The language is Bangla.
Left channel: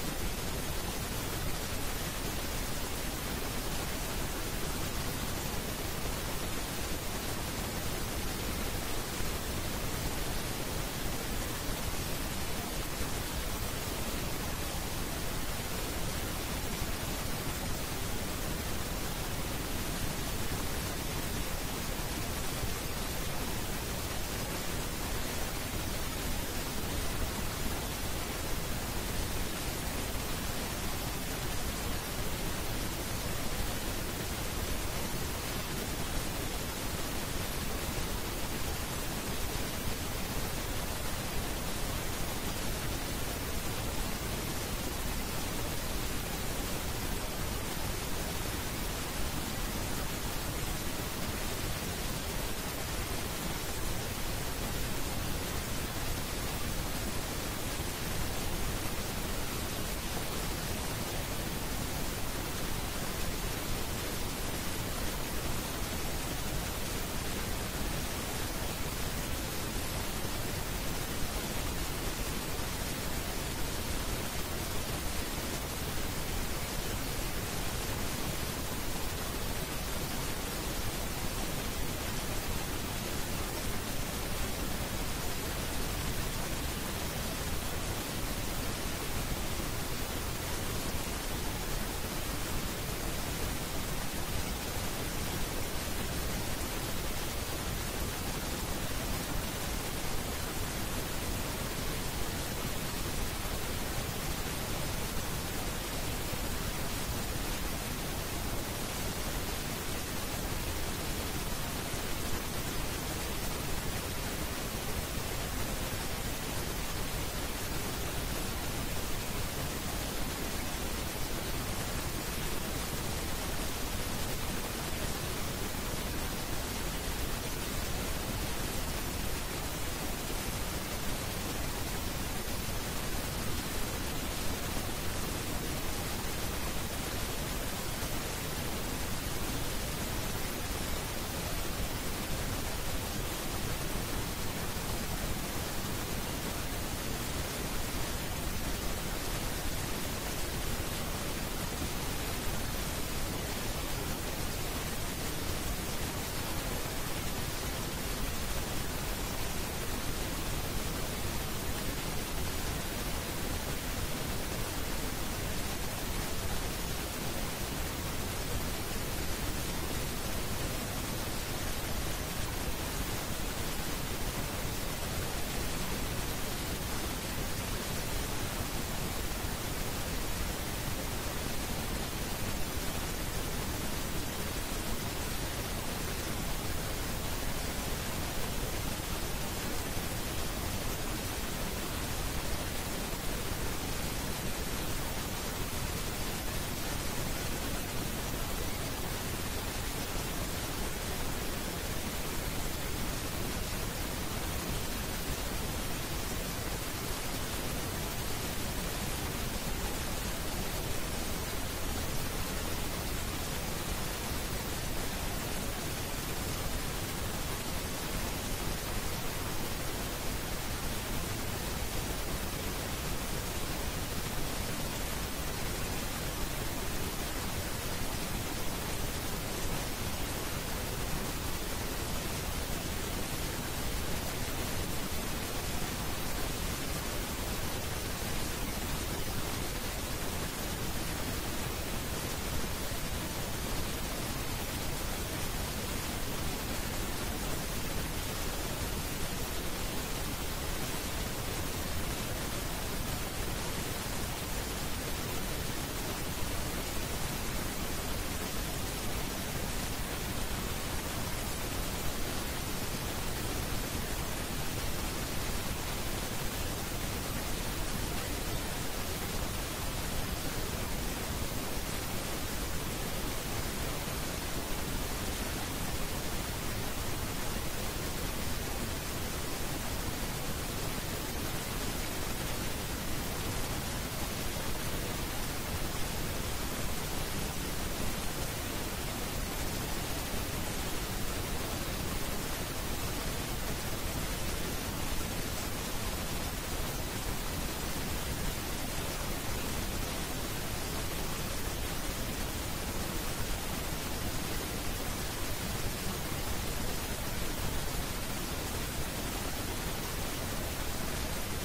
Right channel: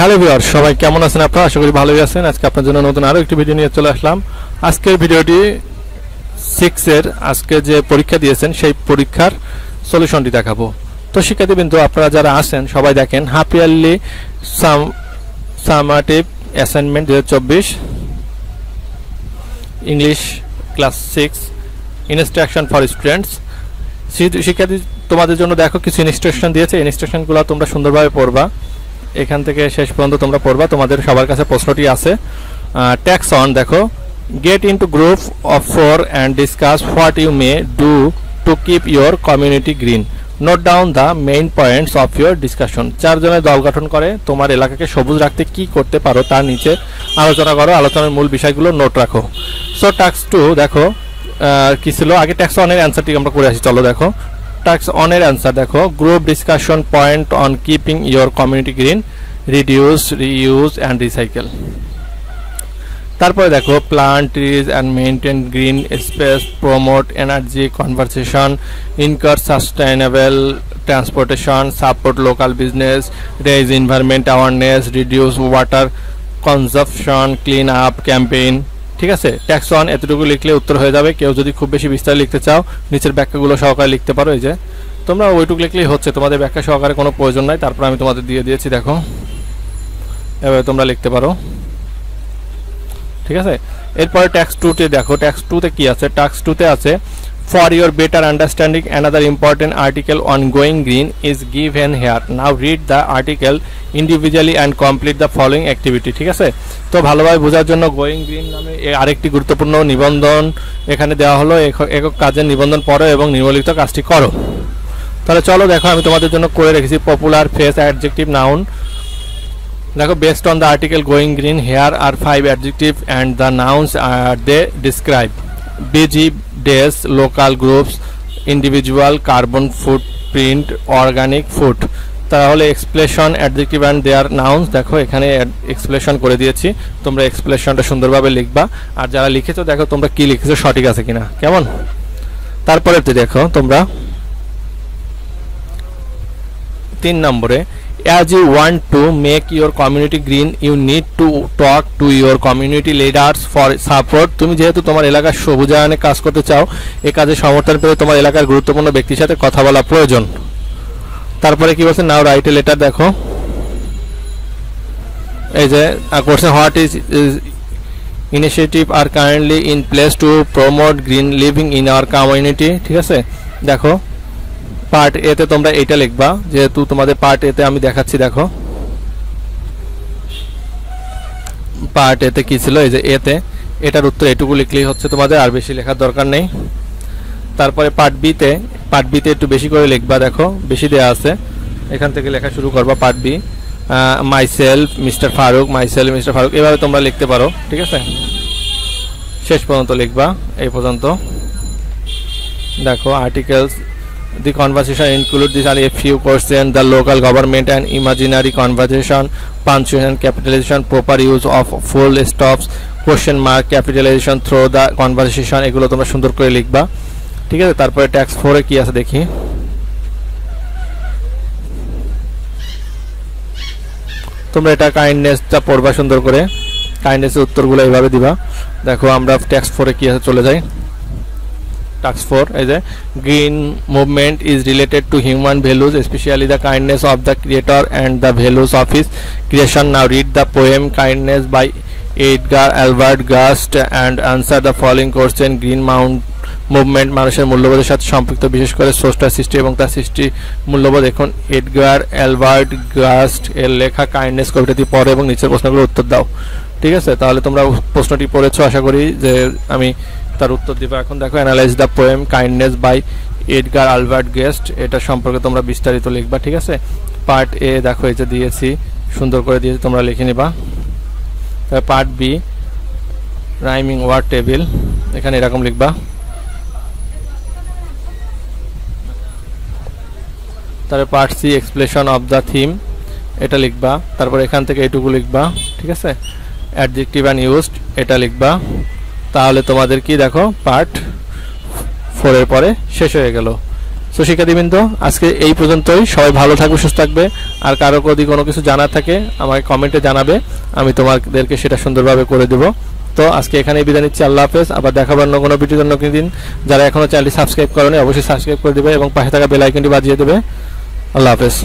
হ্যালো ভিউয়ার, সবাই কেমন আছেন আপনারা? আশা করি ভালোই আছেন। আজকে আপনার জন্য নতুন আরও একটি ভিডিও নিয়ে চলে আসলাম। আজকের ভিডিওটি 6 এর আজকে যে পরীক্ষা দিয়েছেন সেই পরীক্ষার সলিউশনটি দেখাবো। তো শিক্ষার্থীবৃন্দ, আপনারা যারা আছেন সবাই দেখেন half yearly summative assignment 2024 English class 6 instruction for students. শিক্ষার্থী তোমাদের জন্য দেখো কিছু ইনস্ট্রাকশন দিয়েছে। ইনস্ট্রাকশনগুলো তোমরা সুন্দরভাবে পড়বা, এখান থেকে শেষ পর্যন্ত তোমরা পড়বা। তোমাদের সবার কাছে প্রশ্নটি আছে। ট্যাক্স অন দেখো, get into group of 4 and discuss what you may do to keep your community green. Note down the main points of your discussion. 4 জনের দল গঠন করে তোমার এলাকাকে সবুজ রাখতে কি করতে পারো তার নিচে আলোচনা করো। আলোচনার মূল বিষয়গুলো নোট রাখো। সো ট্যাক্স 2 দেখো কি ছিল, আগে ট্যাক্স অনের অ্যান্সারটি আমরা করে আসি। চলো দেখো ট্যাক্স অনের অ্যান্সার দেখো, group discussion point on keeping your community green, reduce, reuse and recycle. তারপরে দেখো plant trees and maintain green space, promote energy conversation, encourage sustainable transportation, support local business, raise environment awareness, reduce water consumption, clean up campaign. ঠিক আছে, ট্যাক্স অন এতটুকু লিখলে উত্তর হয়ে যাবে। কেউ যদি খুব বেশি বিস্তার লিখতে চাও নিচের ব্যাখ্যাগুলো সহকারে লিখতে পারো। এই যে তোমরা ওইটুকু লিখলেই হচ্ছে, তোমাদের ব্যাখ্যা সহকারে কোনো প্রয়োজন নাই। তারপর আমি তোমাদের দিয়ে দিয়েছি, দেখো এভাবে তোমরা লিখতে পারো। ঠিক আছে, এরপরে ট্যাক্স 2তে দেখো, ট্যাক্স 2তে কি আছে? ট্যাক্স 2তে আছে for your better understanding another important article on going green is given here. Now read the article individually and complete the following activity. ঠিক আছে, তো ভালোভাবে বোঝার জন্য গোয়িং গ্রিন নামে আরেকটি গুরুত্বপূর্ণ নিবন্ধন এখানে দেওয়া হলো। একক কাজের নিবন্ধন পড়ো এবং নিম্নলিখিত কাজটি করো। তাহলে চলো দেখো, আমি তোমাদের জন্য করে রেখেছি পপুলার ফ্রেজ অ্যাডজেক্টিভ নাউন। দেখো based on the article going green here are 5 adjective and the nouns are they describe busy days, local groups, individual, carbon footprint, organic food. তাহলে explanation adjective and their nouns, দেখো এখানে এক্সপ্লেশন করে দিয়েছি। তোমরা এক্সপ্লেশনটা সুন্দরভাবে লিখবা, আর যারা লিখেছো দেখো তোমরা কি লিখেছো সঠিক আছে কিনা, কেমন। তারপরে দেখো তোমরা 3 নম্বরে, as you want to make your community green you need to talk to your community leaders for support। তুমি যেহেতু তোমার এলাকার সবুজায়নে কাজ করতে চাও, এই কাজে সমর্থন পেয়ে তোমার এলাকার গুরুত্বপূর্ণ ব্যক্তির সাথে কথা বলা প্রয়োজন। তারপরে কি বলছে, নাও রাইট এ লেটার। দেখো এই যে question, what is initiative are currently in place to promote green living in our community. ঠিক আছে, দেখো পার্ট এতে তোমরা এইটা লিখবা, যেহেতু তোমাদের পার্ট এতে আমি দেখাচ্ছি। দেখো পার্ট এতে কি ছিল, এই যে এতে এটার উত্তর এটুকু লিখলেই হচ্ছে তোমাদের, আর বেশি লেখার দরকার নেই। তারপরে পার্ট বিতে একটু বেশি করে লিখবা। দেখো বেশি দেওয়া আছে, এখান থেকে লেখা শুরু করবা। Part B, myself mister Faruk, myself mister Faruk, এভাবে তোমরা লিখতে পারো। ঠিক আছে, শেষ পর্যন্ত লিখবা এই পর্যন্ত। দেখো articles, the conversation include these are a few questions, the local government and imaginary conversation, punctuation, capitalization, proper use of full stops, question mark, capitalization through the conversation, এগুলো তোমরা সুন্দর করে লিখবা। ঠিক আছে, তারপরে ট্যাক্স 4 এ কি আছে দেখি। তোমরা এটা কাইন্ডনেসটা পড়বা সুন্দর করে, কাইন্ডনেসের উত্তরগুলো এইভাবে দিবা। দেখো আমরা ট্যাক্স 4 এ কি আছে চলে যাই। Task 4, as a green movement is related to human values, especially the kindness of the creator and the values of his creation. Now read the poem Kindness by Edgar Albert Gust and answer the following question. Green movement মানুষের মূল্যবোধের সাথে সম্পৃক্ত, বিশেষ করে স্রষ্টার সৃষ্টি এবং তার সৃষ্টি মূল্যবোধ। এখন এডগার অ্যালবার্ট গাস্ট এর লেখা কাইন্ডনেস কবিতাটি পড়ো এবং নিচের প্রশ্নগুলোর উত্তর দাও। ঠিক আছে, তাহলে তোমরা প্রশ্নটি পড়েছো, আশা করি যে আমি তার উত্তর দিবা। এখন দেখো analyse the poem kindness by Edgar Albert Guest, এটা সম্পর্কে তোমরা বিস্তারিত লিখবা। ঠিক আছে, পার্ট এ দেখো এই যে দিয়েছি, সুন্দর করে দিয়েছি, তোমরা লিখে নিবা। Part B rhyming word table, এখানে এরকম লিখবা। তারপরে part C explanation of the theme, এটা লিখবা। তারপর এখান থেকে এইটুকু লিখবা। ঠিক আছে, অ্যাডজেক্টিভ অ্যান্ড ইউজড এটা লিখবা। তাহলে তোমাদের কি দেখো পার্ট 4 এর পরে শেষ হয়ে গেল। তো শিক্ষার্থীবৃন্দ, আজকে এই পর্যন্তই। সবাই ভালো থাকবে, সুস্থ থাকবে। আর কারো যদি কোনো কিছু জানার থাকে আমাকে কমেন্টে জানাবে, আমি তোমাদেরকে সেটা সুন্দরভাবে করে দেব। তো আজকে এখানেই বিদায় নিচ্ছি। আল্লাহ হাফেজ। আবার দেখাবার অন্য কোনো ভিডিওর অন্য দিন। যারা এখনও চ্যানেলটি সাবস্ক্রাইব করেনি অবশ্যই সাবস্ক্রাইব করে দেবে এবং পাশে থাকা বেল আইকনটি বাজিয়ে দেবে। আল্লাহ হাফেজ।